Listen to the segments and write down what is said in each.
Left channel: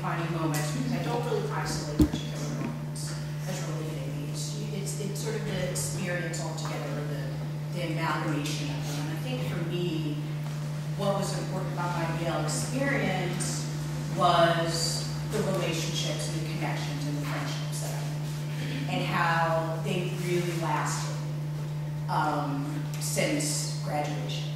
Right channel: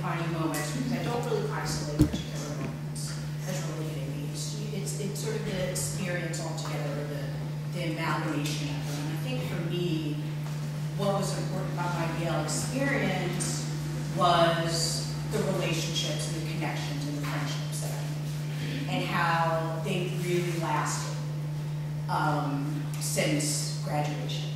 defining moments because I don't really isolate particular moments as really hitting me. It's sort of the experience altogether, or the amalgamation of them. And I think for me, what was important about my YALE experience was the relationships and the connections and the friendships that I made, and how they really lasted since graduation.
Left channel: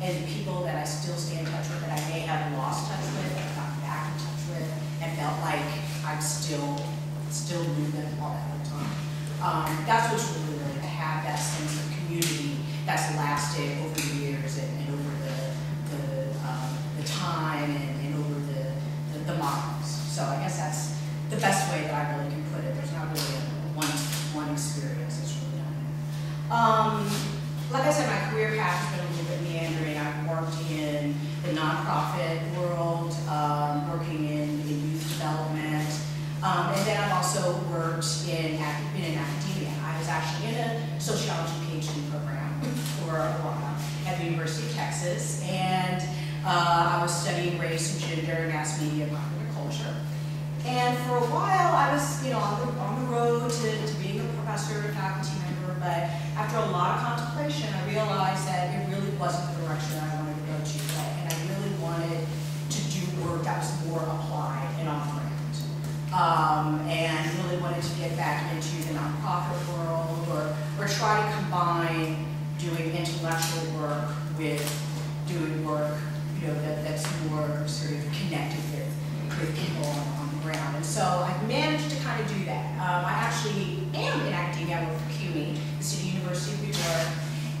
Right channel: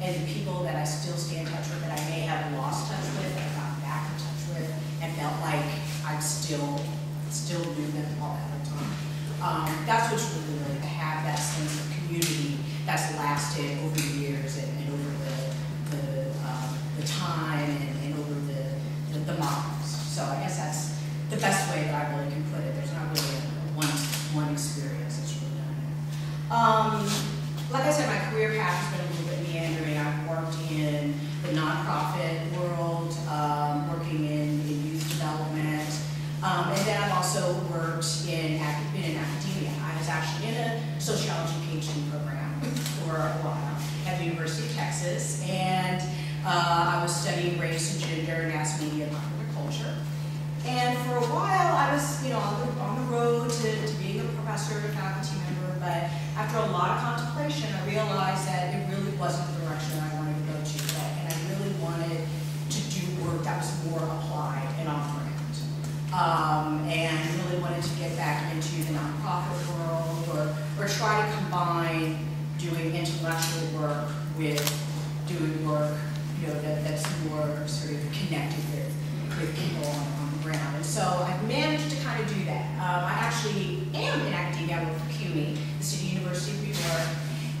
And the people that I still stay in touch with, that I may have lost touch with, that I've gotten back in touch with, and felt like I still knew them all that time. That's what's really, really, to have that sense of community that's lasted over the years and over the time and over the miles. So I guess that's the best way that I really can put it. There's not really one experience that's really done it. Like I said, my career path has been a little bit meandering. I've worked in the nonprofit world, working in youth development. And then I've also worked been in academia. I was actually in a sociology PhD program for a while at the University of Texas, and I was studying race and gender, mass media, and popular culture. And for a while, I was, on the road to being a professor, a faculty member. But after a lot of contemplation, I realized that it really wasn't the direction that I wanted to go to. And I really wanted to do work that was more applied and on the ground. And really wanted to get back into the nonprofit world, or try to combine doing intellectual work with doing work, that's more sort of connected with people on the ground. And so I've managed to kind of do that. I actually am in academia. I work for CUNY, the City University of New York,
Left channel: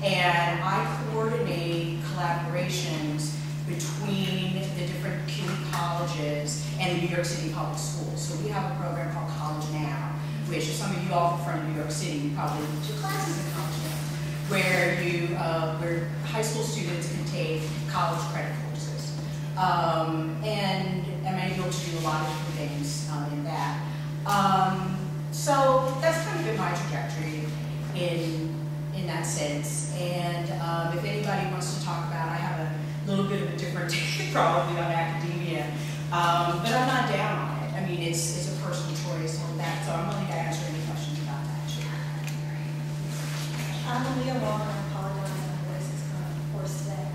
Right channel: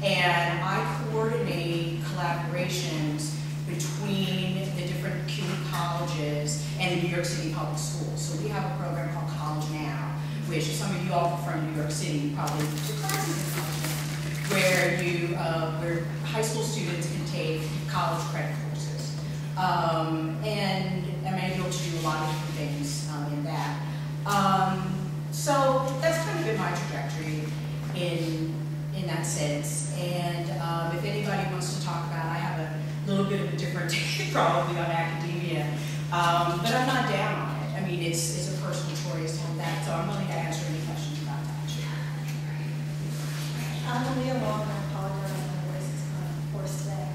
and I coordinate collaborations between the different CUNY colleges and the New York City public schools. So we have a program called College Now, which some of you all from New York City, you probably took classes in College Now, where high school students can take college credit courses. And I'm able to do a lot of different things in that. So that's kind of been my trajectory in that sense. And if anybody wants to talk about, I have a little bit of a different take probably on academia, but I'm not down on it. I mean, it's a personal choice on that, so I'm willing to answer any questions about that. I'm Leah Long, and I apologize, my voice is kind of hoarse today.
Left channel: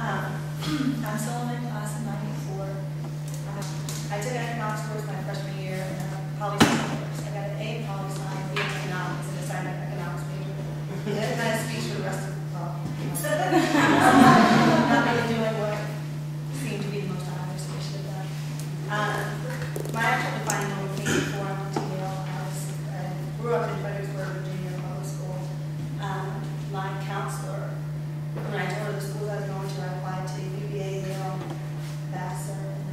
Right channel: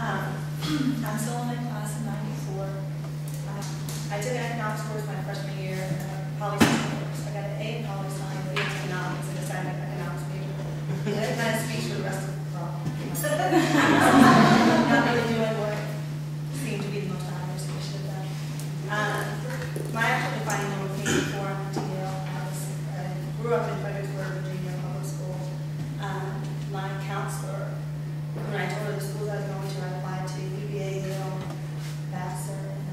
I'm still in my class in '94. I took an economics course my freshman year and a poli-sci course. I got an A in poli-sci and B in economics, and decided an economics major. And that kind of speaks for the rest of the problem. Not really doing what seemed to be the most obvious we should have done. My actual defining moment came before I went to YALE. I grew up in Fredericksburg, Virginia, public school. My counselor, when I told her the schools I was going to, I applied to UVA, YALE, Vassar, and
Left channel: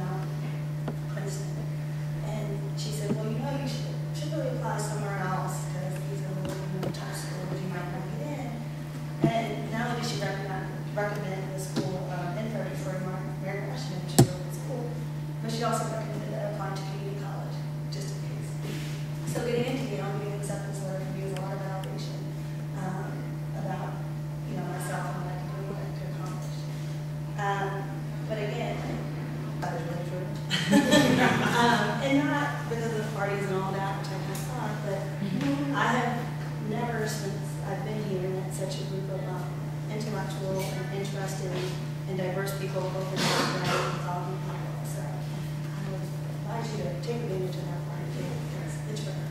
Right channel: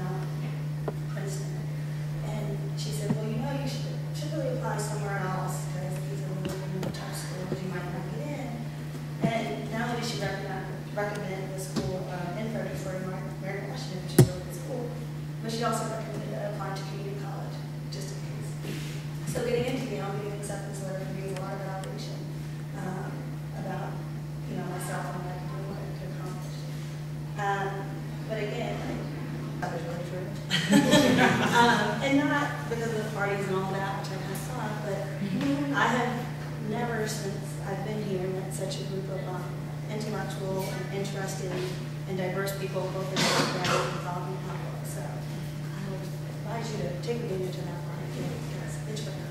Princeton. And she said, well, you should really apply somewhere else, because these are really tough schools, you might not get in. And not only did she recommend the school in Fredericksburg, Mary Washington, which is a really good school, but she also recommended that I apply to community college, just in case. So getting into YALE, getting an acceptance letter for me was a lot of validation about myself and what I could do and what I could accomplish. But again, others really true. And not because of the parties and all that, which I kind of thought, but I have never, since I've been here, met such a group of intellectual and interested and diverse people, both in the background and thought and public. So I would advise you to take advantage of that part again, because it's rare.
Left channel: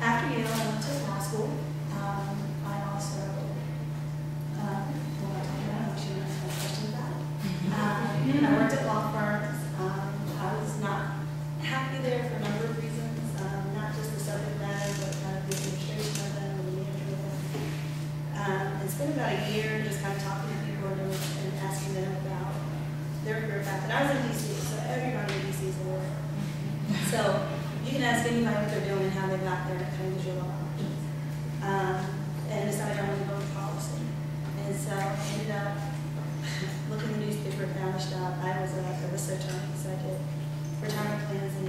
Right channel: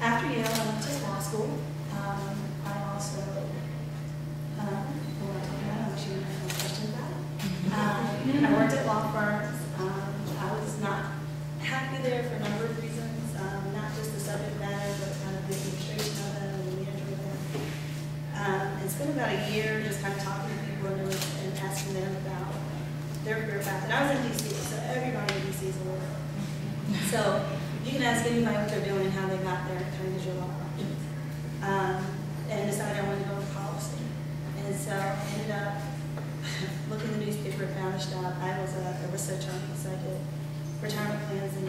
After YALE, I went to law school. I also, I'm sure you have questions about it. I worked at law firms. I was not happy there for a number of reasons, not just the subject matter, but kind of the administration of them and the management of them. And spent about a year just kind of talking to people and asking them about their career path. And I was in DC, so everybody in DC is a lawyer. So you can ask anybody what they're doing and how they got there, and it kind of gives you a lot of options. And decided I wanted to go into policy. And so I ended up looking in the newspaper and found this job. I was a research attorney, so I did retirement plans and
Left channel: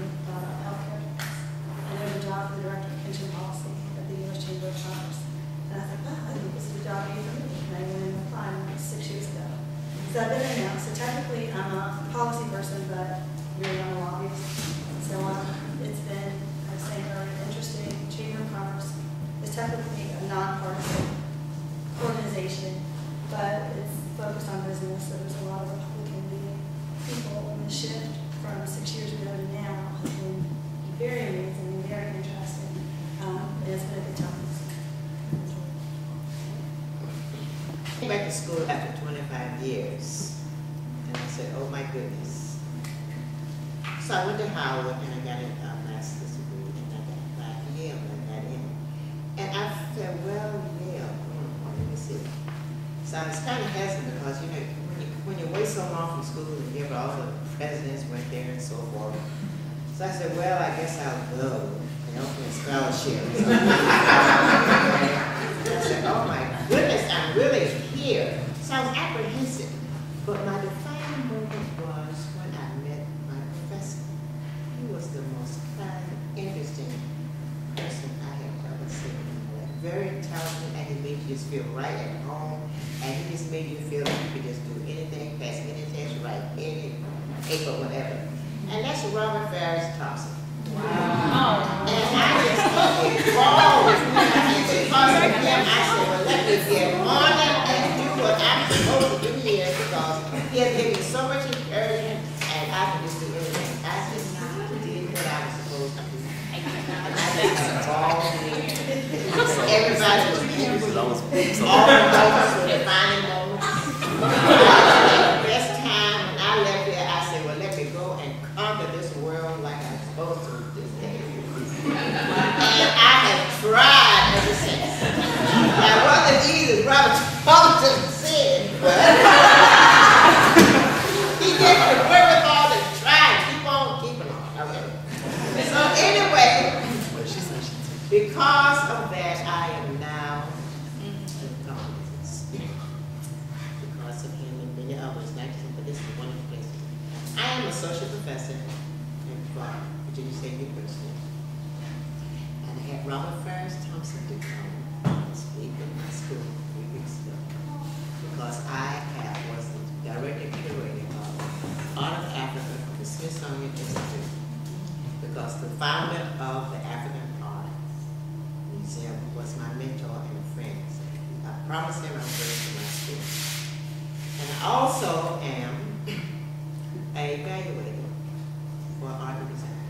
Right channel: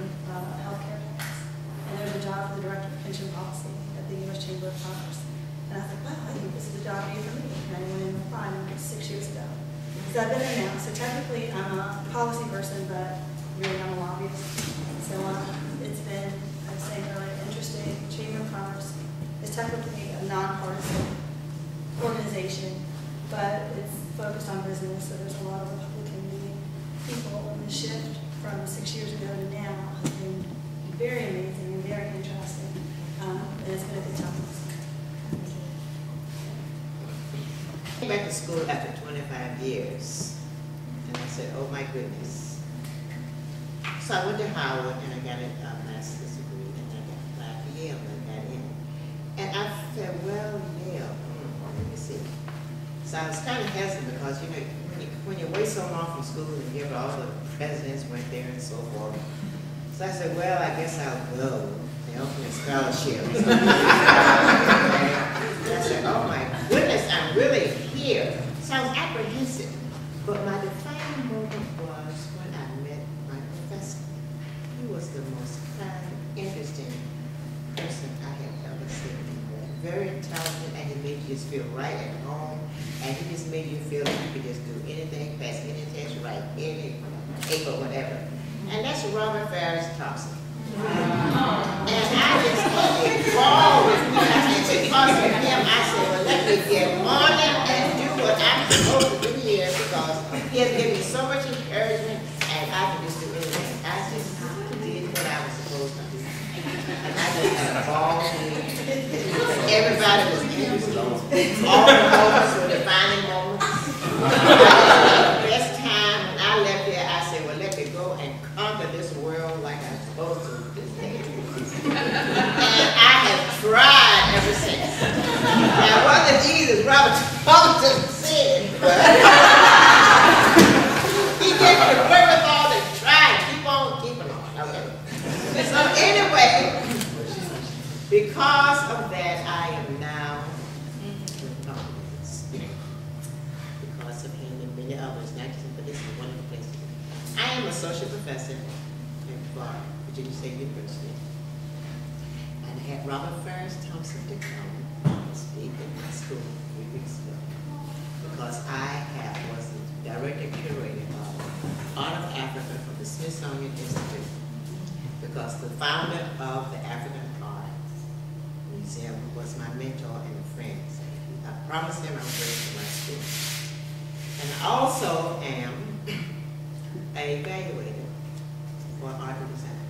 healthcare. And there was a job for the director of pension policy at the U.S. Chamber of Commerce. And I thought, wow, I think this is a job for me. And I went in and applied 6 years ago. So I've been there now. So technically, I'm a policy person, but really I'm a lobbyist. So it's been, I was saying earlier, interesting. Chamber of Commerce is technically a nonpartisan organization, but it's focused on business. So there's a lot of Republican-leaning people, and the shift from 6 years ago to now has been very amazing and very interesting. And it's been a good time. I came back to school after 25 years, and I said, oh my goodness. So I went to Howard, and I got a master's degree, and I got applied for Yale, and I got in. And I said, well, Yale, let me see. So I was kind of hesitant because, you know, when you wait so long from school and you hear all the presidents went there and so forth. So I said, well, I guess I'll go. They offered me a scholarship. So I said, oh my goodness, I'm really here. So I was apprehensive. But my defining moment was when I met my professor. He was the most kind, interesting person I have ever seen. Very intelligent, and he made you just feel right at home, and he just made you feel like you could just do anything, pass any test, write any paper, whatever. And that's Robert Farris Thompson. Wow. And I just had a ball with him, and because of him, I said, well, let me get on it and do what I'm supposed to do here, because he has given me so much encouragement, and I can just do anything. I just did what I was supposed to do. And I just had a ball here. Everybody was interested. All the moments were defining moments. The best time when I left there, I said, well, let me go and conquer this world like I'm supposed to this day. And I have tried ever since. Now, it wasn't easy, as Robert Thompson said, but he gave me the wherewithal to try and keep on keeping on. Okay. So anyway, because of that, I am now with confidence. Because of him and many others, not just, but this is a wonderful place to be. I am associate professor at Virginia State University. And I had Robert Farris Thompson to come and speak in my school 3 weeks ago. Because I was the director curator of Art of Africa from the Smithsonian Institute. Because the founder of the African Art Museum was my mentor and a friend. So I promised him I would bring to my school. And I also am a evaluator for art and design.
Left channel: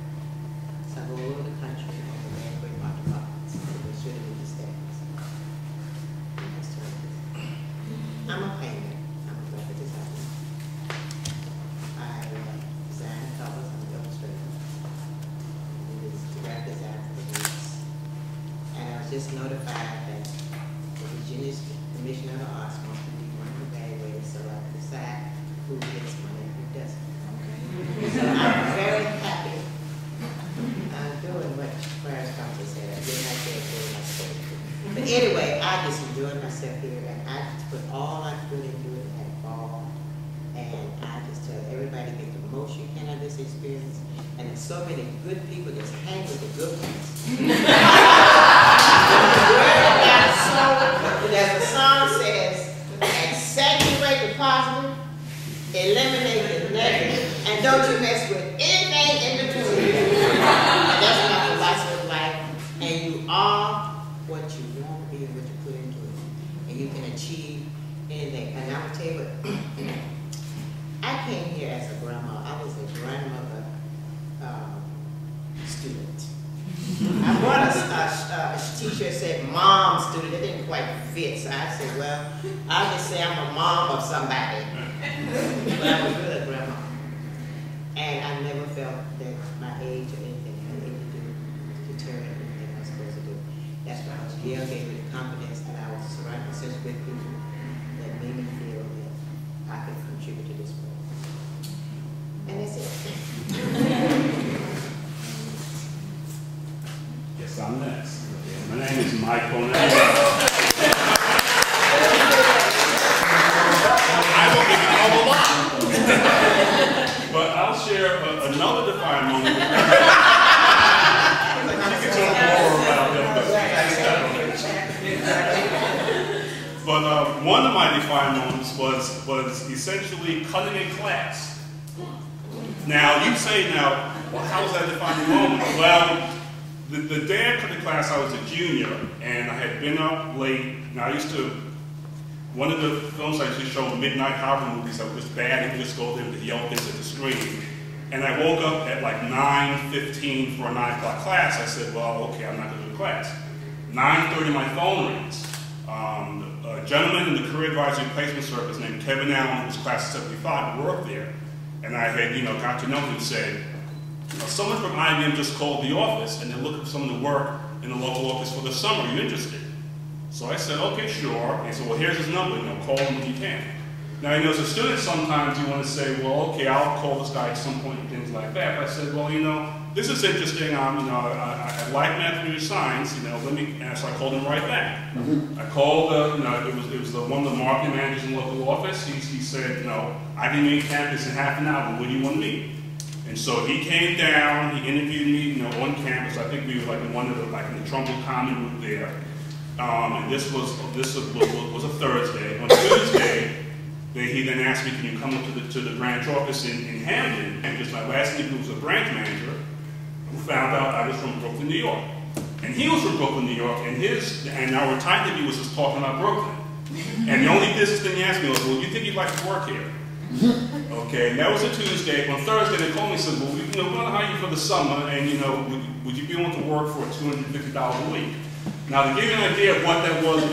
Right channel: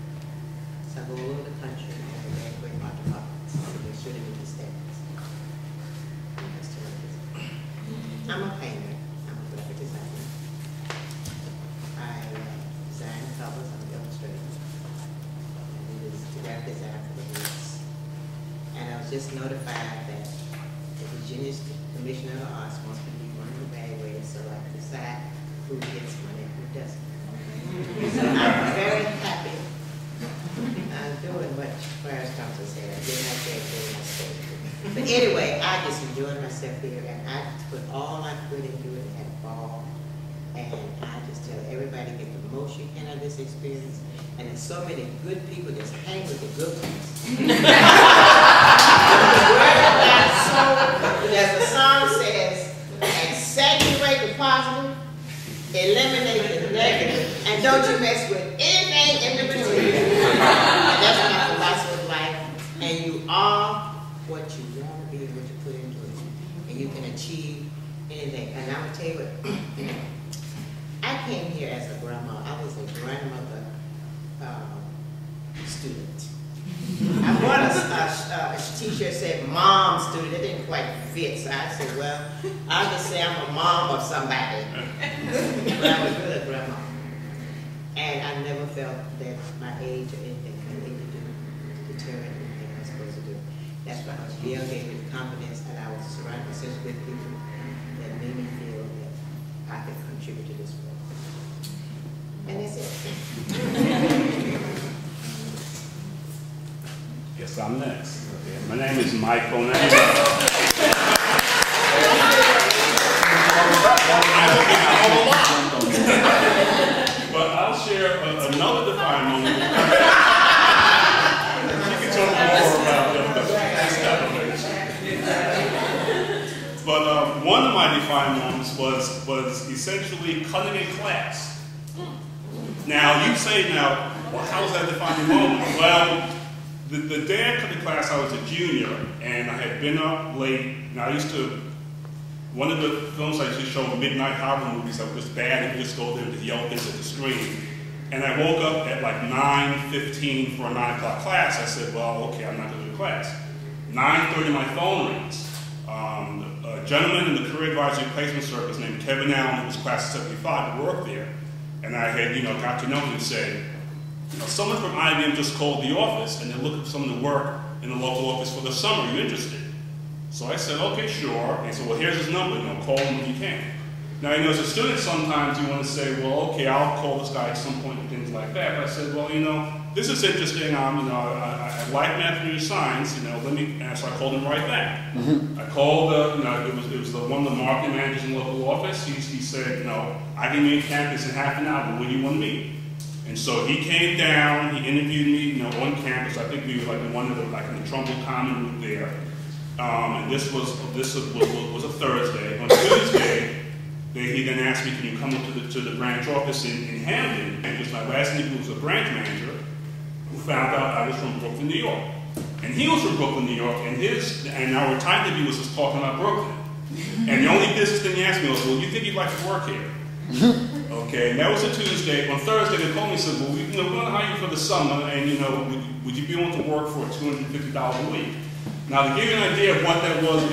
So I go all over the country and evaluate art departments to make sure they meet the standards. I'm a painter. I'm a graphic designer. I design covers. I'm an illustrator. And it is graphic design for the groups. And I was just notified that the Virginia Commissioner of the Arts wants to be one of the evaluators so I can decide who gets money and who doesn't. So I'm very happy doing what Farris Thompson said. I did not say it my supposed to. But anyway, I just enjoyed myself here, and I put all I could into it and had a ball. And I just tell everybody, get the most you can out of this experience. And there's so many good people, just hang with the good ones. As the song says, accentuate the positive, eliminate the negative, and don't you mess with anything in between. That's my philosophy of life. And you are what you want to be and what you put into it. And you can achieve anything. And I'm going to tell you what, I came here as a grandma. I was a grandmother student. I bought a t-shirt that said mom student. It didn't quite fit, so I said, well, I'll just say I'm a mom of somebody. But I was really a grandma. And I never felt that my age or anything had anything to do to deter anything I was supposed to do. That's why Yale gave me the confidence, and I was surrounded with such good people that made me feel that I could contribute to this world. And that's it. Yes, I'm next. My name is Mike Bonet. I will give you all a lot. But I'll share another defining moment. You can talk more about them. But one of my defining moments was essentially cutting a class. Now, you say now, well, how was that a defining moment? Well, the day I cut the class, I was a junior, and I had been up late. Now, one of the films I used to show, midnight horror movies, that were just bad, and you just go there and yell things at the screen. And I woke up at like 9:15 for a 9 o'clock class. I said, well, okay, I'm not going to do the class. 9:30, my phone rings. A gentleman in the career advisory placement service named Kevin Allen, who was class of 75, worked there. And I had, got to know him and said, someone from IBM just called the office, and they're looking for someone to work in the local office for the summer. Are you interested? So I said, okay, sure. And he said, well, here's his number, call him when you can. Now, as a student, sometimes you want to say, well, okay, I'll call this guy at some point and things like that. But I said, well, this is interesting. I like mathematics, science. Let me. And so I called him right back. I called. It was one of the marketing managers in the local office. He said, I can meet campus in half an hour. When do you want to meet? And so he came down. He interviewed me, on campus. I think we were like in in the Trumbull Common room there. And this was a Thursday. On Tuesday, he then asked me, can you come up to the branch office in Hamden? And just my last name was a branch manager who found out I was from Brooklyn, New York. And he was from Brooklyn, New York, and our time interview was just talking about Brooklyn. And the only business thing he asked me was, well, you think you'd like to work here? Okay, and that was a Tuesday. On Thursday, they called me and said, well, we're going to hire you for the summer, and, would you be willing to work for $250 a week? Now, to give you an idea of what that was in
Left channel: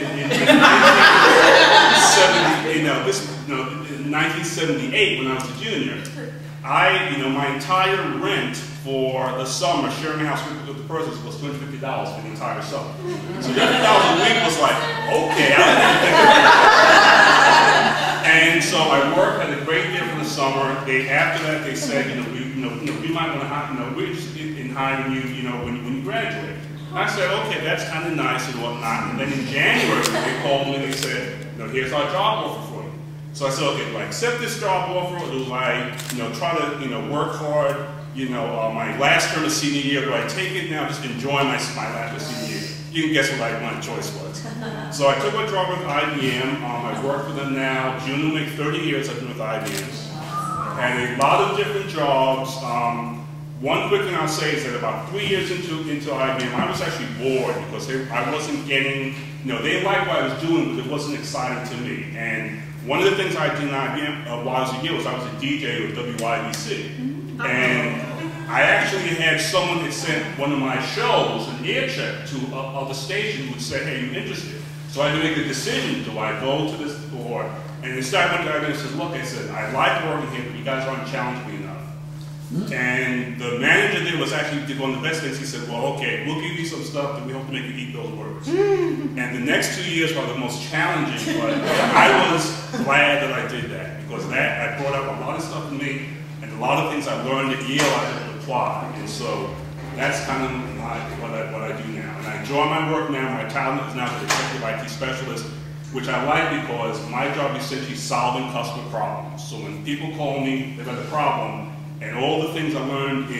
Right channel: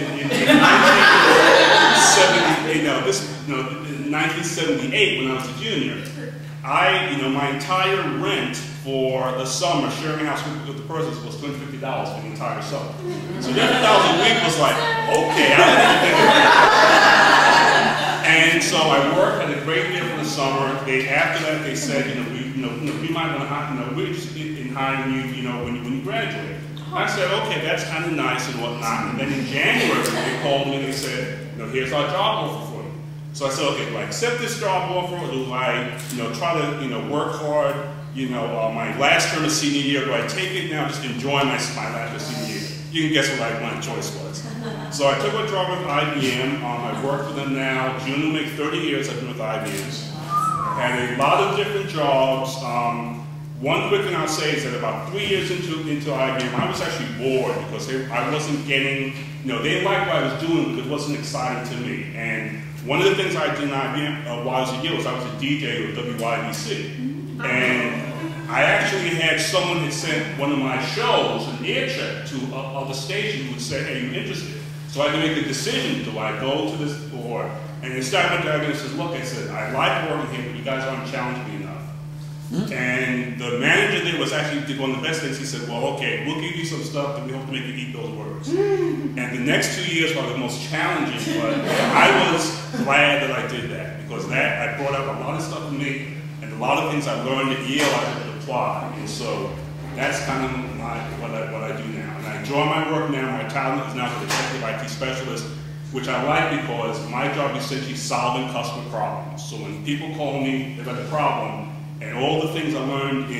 1978, when I was a junior, my entire rent for the summer, sharing a house with the persons, was $250 for the entire summer. So $250 a week was like, okay, I didn't even think about that. And so I worked, had a great year for the summer. After that, they said, we might want to hire, we're interested in hiring you, when you graduate. I said, okay, that's kind of nice and whatnot. And then in January, they called me and they said, here's our job offer for you. So I said, okay, do I accept this job offer, or do I, try to, work hard, my last term of senior year, do I take it now, just enjoy my last term of senior year? You can guess what my choice was. So I took a job with IBM. I work for them now. June will make 30 years I've been with IBM. Had a lot of different jobs. One quick thing I'll say is that about 3 years into IBM, I was actually bored because I wasn't getting, they liked what I was doing, but it wasn't exciting to me. And one of the things I did in IBM while I was a year was I was a DJ with WYBC. And I actually had someone had sent one of my shows, an air check, to other station who would say, hey, you interested? So I had to make a decision, do I go to this or, and instead I went to IBM and said, look, I said, I like working here, but you guys aren't challenging me enough. And the manager there did one of the best things. He said, well, okay, we'll give you some stuff and we hope to make you eat those words. And the next 2 years were the most challenging, but I was glad that I did that because I brought up a lot of stuff in me and a lot of things I learned at YALE I had to apply. And so that's kind of what I do now. And I enjoy my work now. My title is now the Executive IT Specialist, which I like because my job is essentially solving customer problems. So when people call me, they've got a problem, and all the things I learned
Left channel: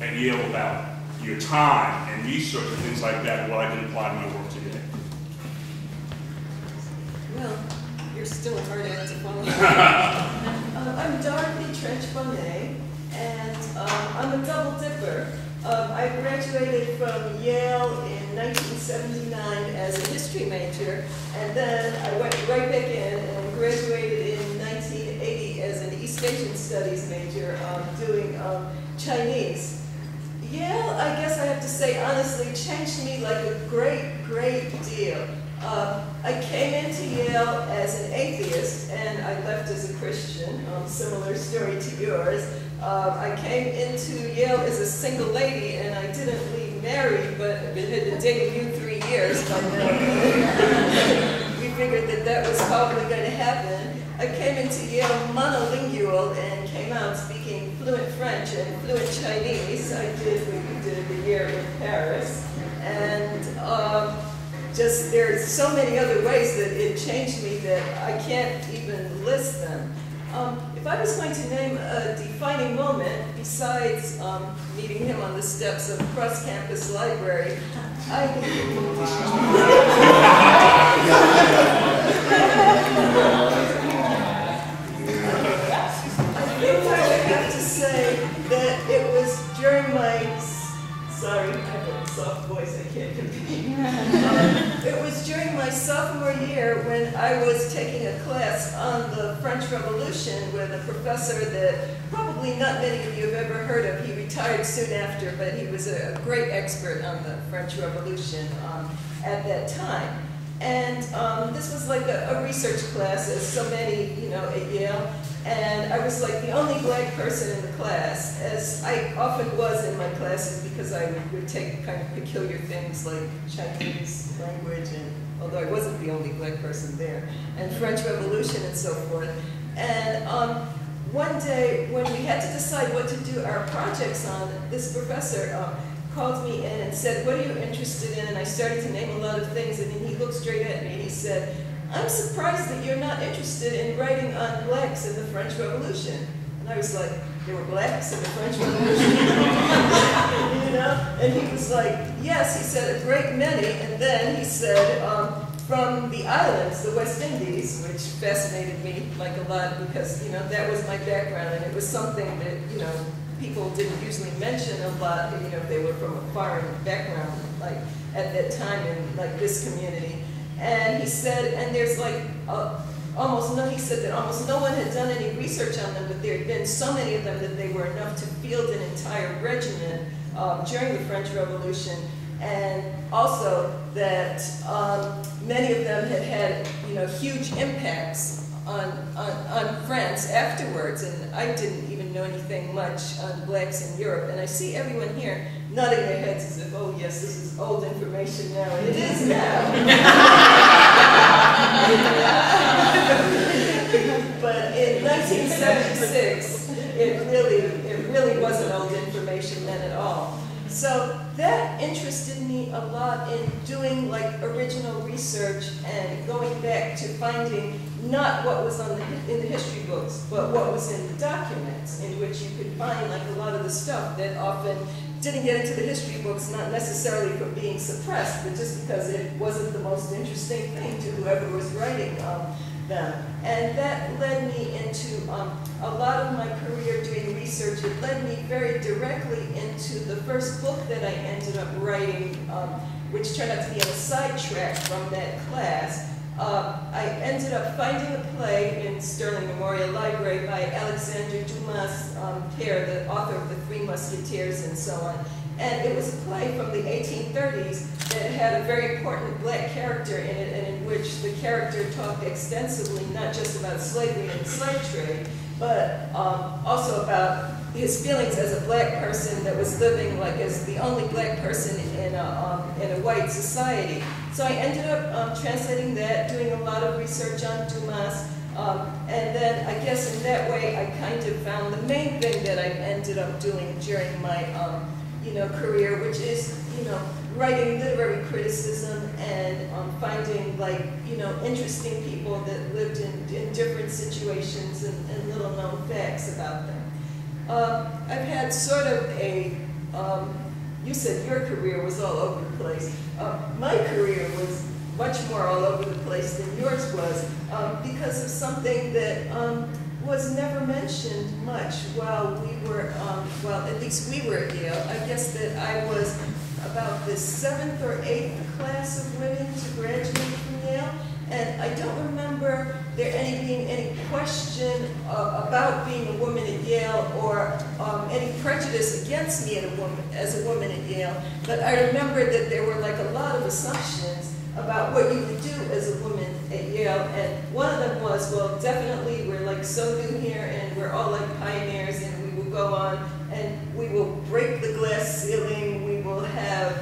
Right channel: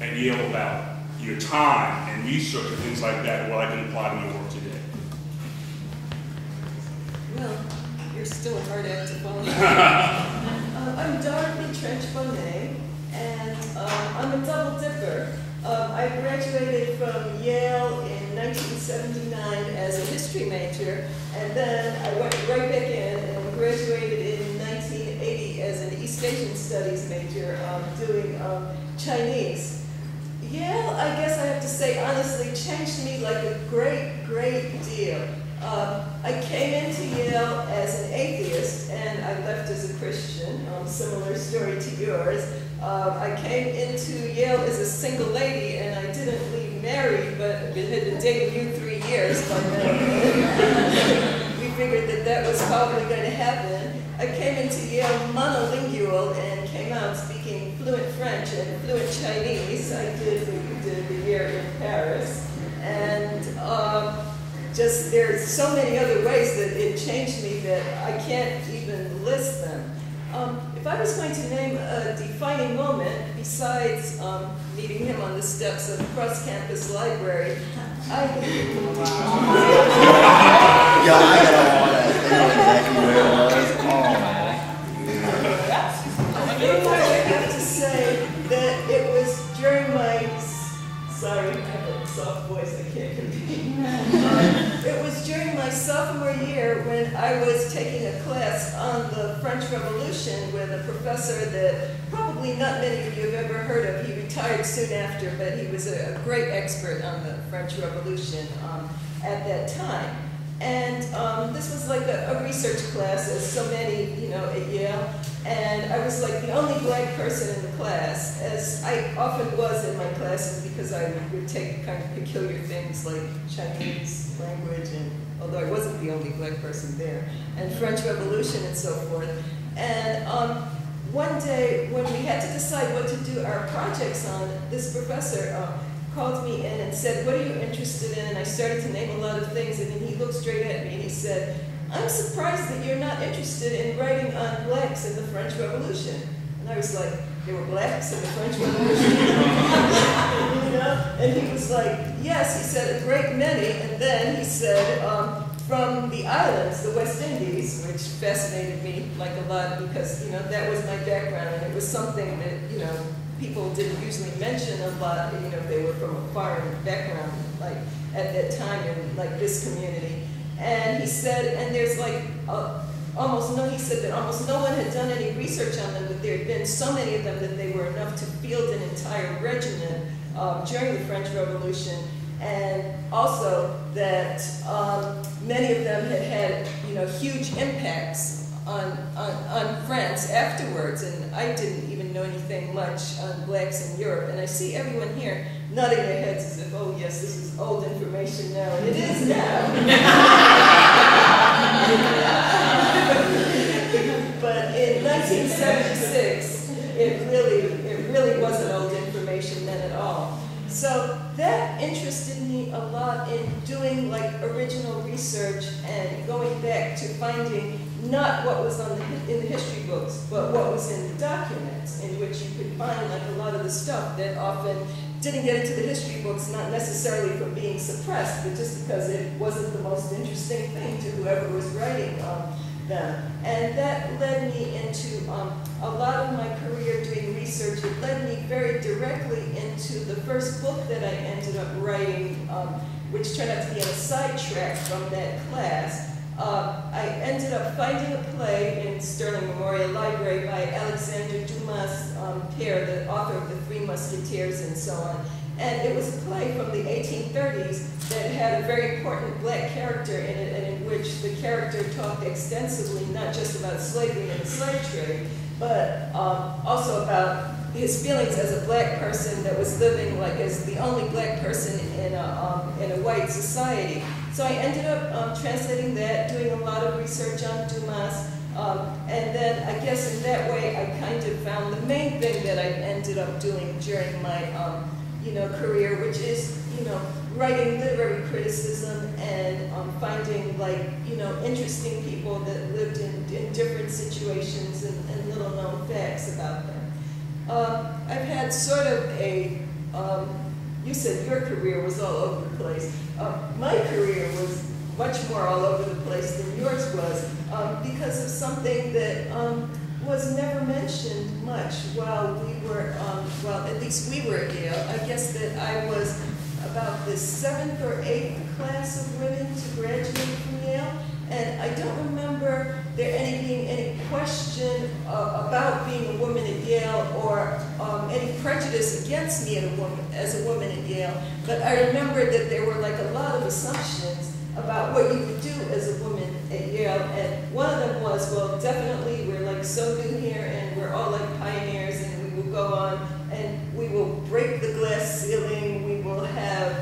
at YALE about your time and research and things like that, what I can apply to my work today. Well, you're still a hard act to follow. I'm Dorothy Trench-Bonet, and I'm a double dipper. I graduated from YALE in 1979 as a history major, and then I went right back in and graduated in 1980 as an East Asian Studies major, doing Chinese. YALE, I guess I have to say honestly, changed me like a great, great deal. I came into YALE as an atheist, and I left as a Christian, similar story to yours. I came into YALE as a single lady, and I didn't leave married, but had been dating you 3 years by then. We figured that was probably going to happen. I came into YALE monolingual and came out speaking fluent French and fluent Chinese. I did what you did the year in Paris. And just there's so many other ways that it changed me that I can't even list them. If I was going to name a defining moment, besides meeting him on the steps of Cross Campus Library, have to say that it was during my, sorry, I have a soft voice, I can't compete. It was during my sophomore year when I was taking a class on the French Revolution with a professor that probably not many of you have ever heard of. He retired soon after, but he was a great expert on the French Revolution at that time. And this was like a research class, as so many, you know, at Yale. And I was like the only black person in the class, as I often was in my classes, because I would take kind of peculiar things like Chinese language, and although I wasn't the only black person there, and French Revolution and so forth. And one day, when we had to decide what to do our projects on, this professor called me in and said, "What are you interested in?" And I started to name a lot of things, and then he looked straight at me and he said, "I'm surprised that you're not interested in writing on blacks in the French Revolution." And I was like, "There were blacks in the French Revolution?" You know? And he was like, "Yes," he said, "a great many." And then he said, from the islands, the West Indies, which fascinated me like a lot because, you know, that was my background, and it was something that, you know, people didn't usually mention a lot, you know, if they were from a foreign background, like at that time in like this community. And he said, and there's like he said that almost no one had done any research on them, but there had been so many of them that they were enough to field an entire regiment during the French Revolution. And also that many of them had had, you know, huge impacts on France afterwards, and I didn't even know anything much on blacks in Europe. And I see everyone here nodding their heads as if, oh yes, this is old information now, and it is now. But in 1976, it really wasn't old information then at all. So that interested me a lot in doing like original research and going back to finding not what was in the history books, but what was in the documents, in which you could find like a lot of the stuff that often didn't get into the history books, not necessarily from being suppressed, but just because it wasn't the most interesting thing to whoever was writing them. And that led me into a lot of my career doing research. It led me very directly into the first book that I ended up writing, which turned out to be on a sidetrack from that class. I ended up finding a play in Sterling Memorial Library by Alexandre Dumas Père, the author of The Three Musketeers and so on. And it was a play from the 1830s that had a very important black character in it, and in which the character talked extensively not just about slavery and the slave trade, but also about his feelings as a black person that was living like as the only black person in a white society. So I ended up translating that, doing a lot of research on Dumas, and then I guess in that way I kind of found the main thing that I ended up doing during my you know, career, which is, you know, writing literary criticism and finding, like, you know, interesting people that lived in different situations and little known facts about them. I've had sort of a, you said your career was all over the place. My career was much more all over the place than yours was because of something that was never mentioned much while we were, well, at least we were at Yale. I guess that I was about the 7th or 8th class of women to graduate from Yale, and I don't remember there being any question about being a woman at Yale or any prejudice against me as a woman at Yale, but I remember that there were like a lot of assumptions about what you would do as a woman at Yale, and one of them was, well, definitely we're like so new here and we're all like pioneers, and we will go on and we will break the glass ceiling, we will have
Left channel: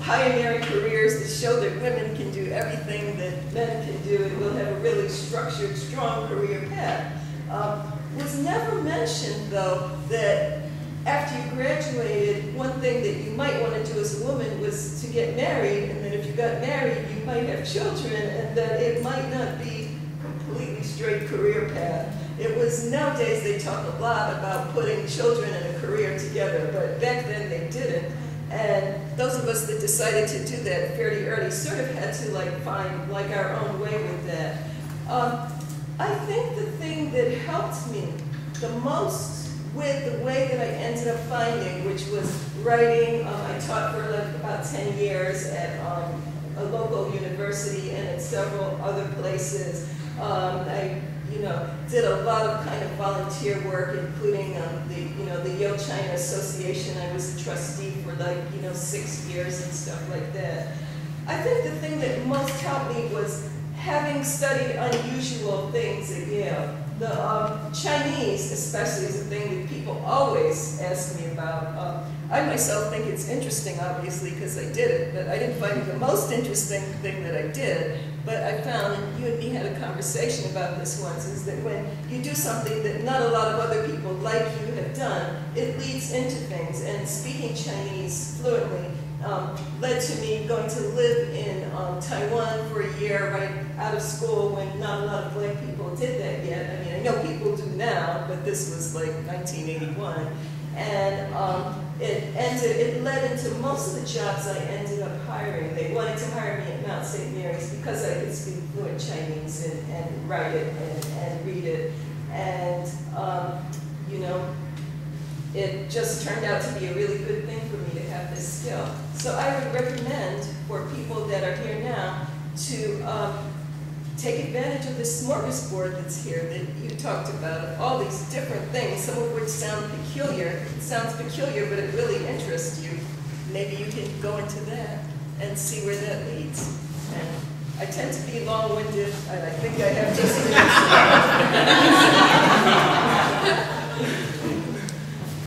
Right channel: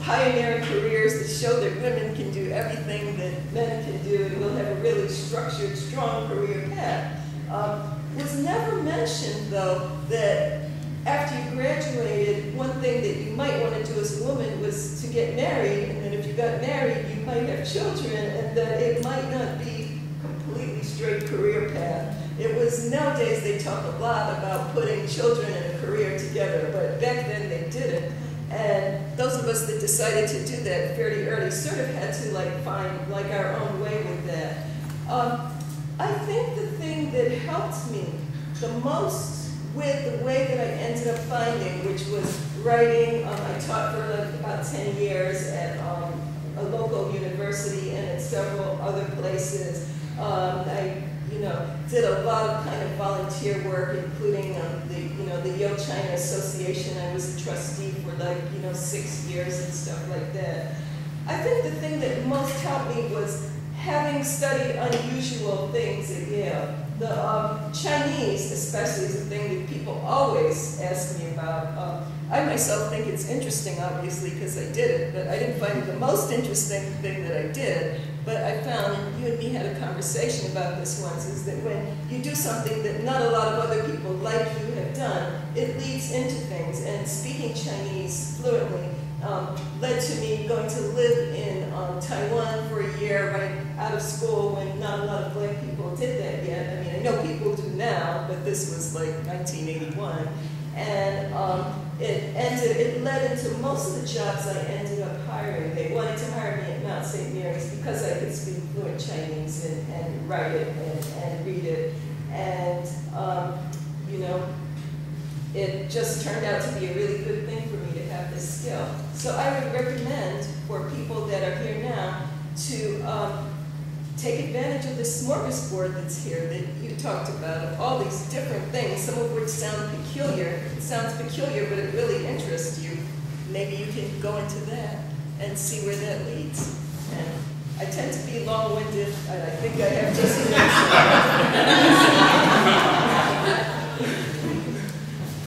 pioneering careers that show that women can do everything that men can do, and we'll have a really structured, strong career path. Was never mentioned, though, that after you graduated, one thing that you might want to do as a woman was to get married, and then if you got married, you might have children, and that it might not be a completely straight career path. It was, nowadays they talk a lot about putting children and a career together, but back then they didn't. And those of us that decided to do that fairly early sort of had to like find like our own way with that. I think the thing that helped me the most with the way that I ended up finding, which was writing, I taught for like about 10 years at a local university and at several other places. I did a lot of kind of volunteer work, including the YALE China Association. I was a trustee for like 6 years and stuff like that. I think the thing that most helped me was having studied unusual things at Yale. The Chinese, especially, is a thing that people always ask me about. I myself think it's interesting, obviously, because I did it, but I didn't find it the most interesting thing that I did. But I found, and you and me had a conversation about this once, is that when you do something that not a lot of other people like you have done, it leads into things. And speaking Chinese fluently led to me going to live in Taiwan for a year right out of school when not a lot of black people did that yet. I mean, I know people do now, but this was like 1981. And it led into most of the jobs I ended up hiring. They wanted to hire me at Mount St. Mary's because I could speak fluent Chinese and write it and read it. And, it just turned out to be a really good thing for me to have this skill. So I would recommend for people that are here now to take advantage of this smorgasbord that's here that you talked about, of all these different things, some of which sound peculiar. It sounds peculiar, but it really interests you. Maybe you can go into that and see where that leads. And I tend to be long-winded, and I think I have just